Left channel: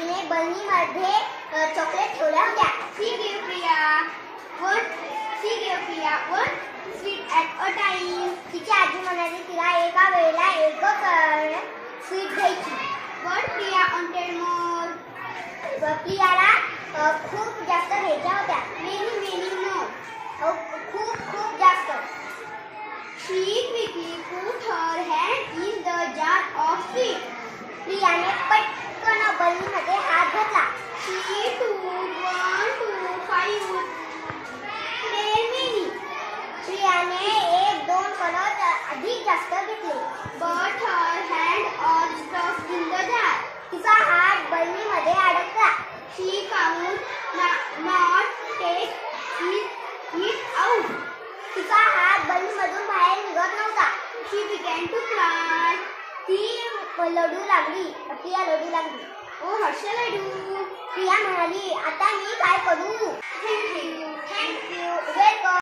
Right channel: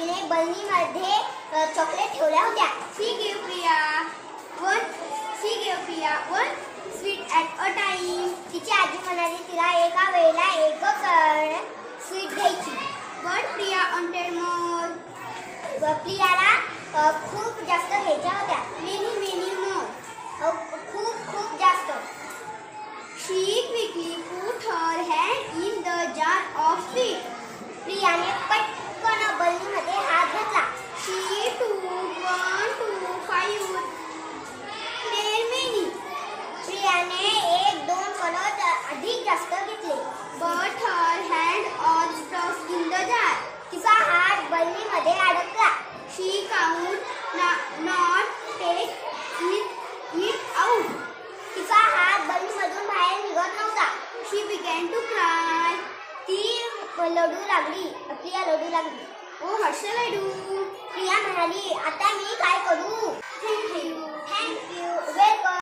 आजीने बरणीमध्ये चॉकलेट ठेवल्या होत्या. She gave Priya one sweet at a time. तिची आजी म्हणाली तिला एका वेळेला एक स्वीट द्यायची. But Priya wanted more. प्रियाला खूप जास्त घ्यायच्या होत्या. Many more. खूप जास्त. She quickly put her hand in the jar of sweet. प्रियाने पटकन बरणीमध्ये हात घातला. She took 1, 2, 5, 10 many. प्रियाने 1, 2 कणत अधिक जास्त घेतले. But her hand was stuck in the jar. तिचा हात बरणीमध्ये अडकला. She could not take it out. तिचा हात बरणीमधून बाहेर निघत नव्हता. She began to cry. ती लढू लागली. प्रिया लढू लागली. Oh, what shall I do? Priya म्हणाली, आता मी काय करू? Thank you. Thank you. Welcome.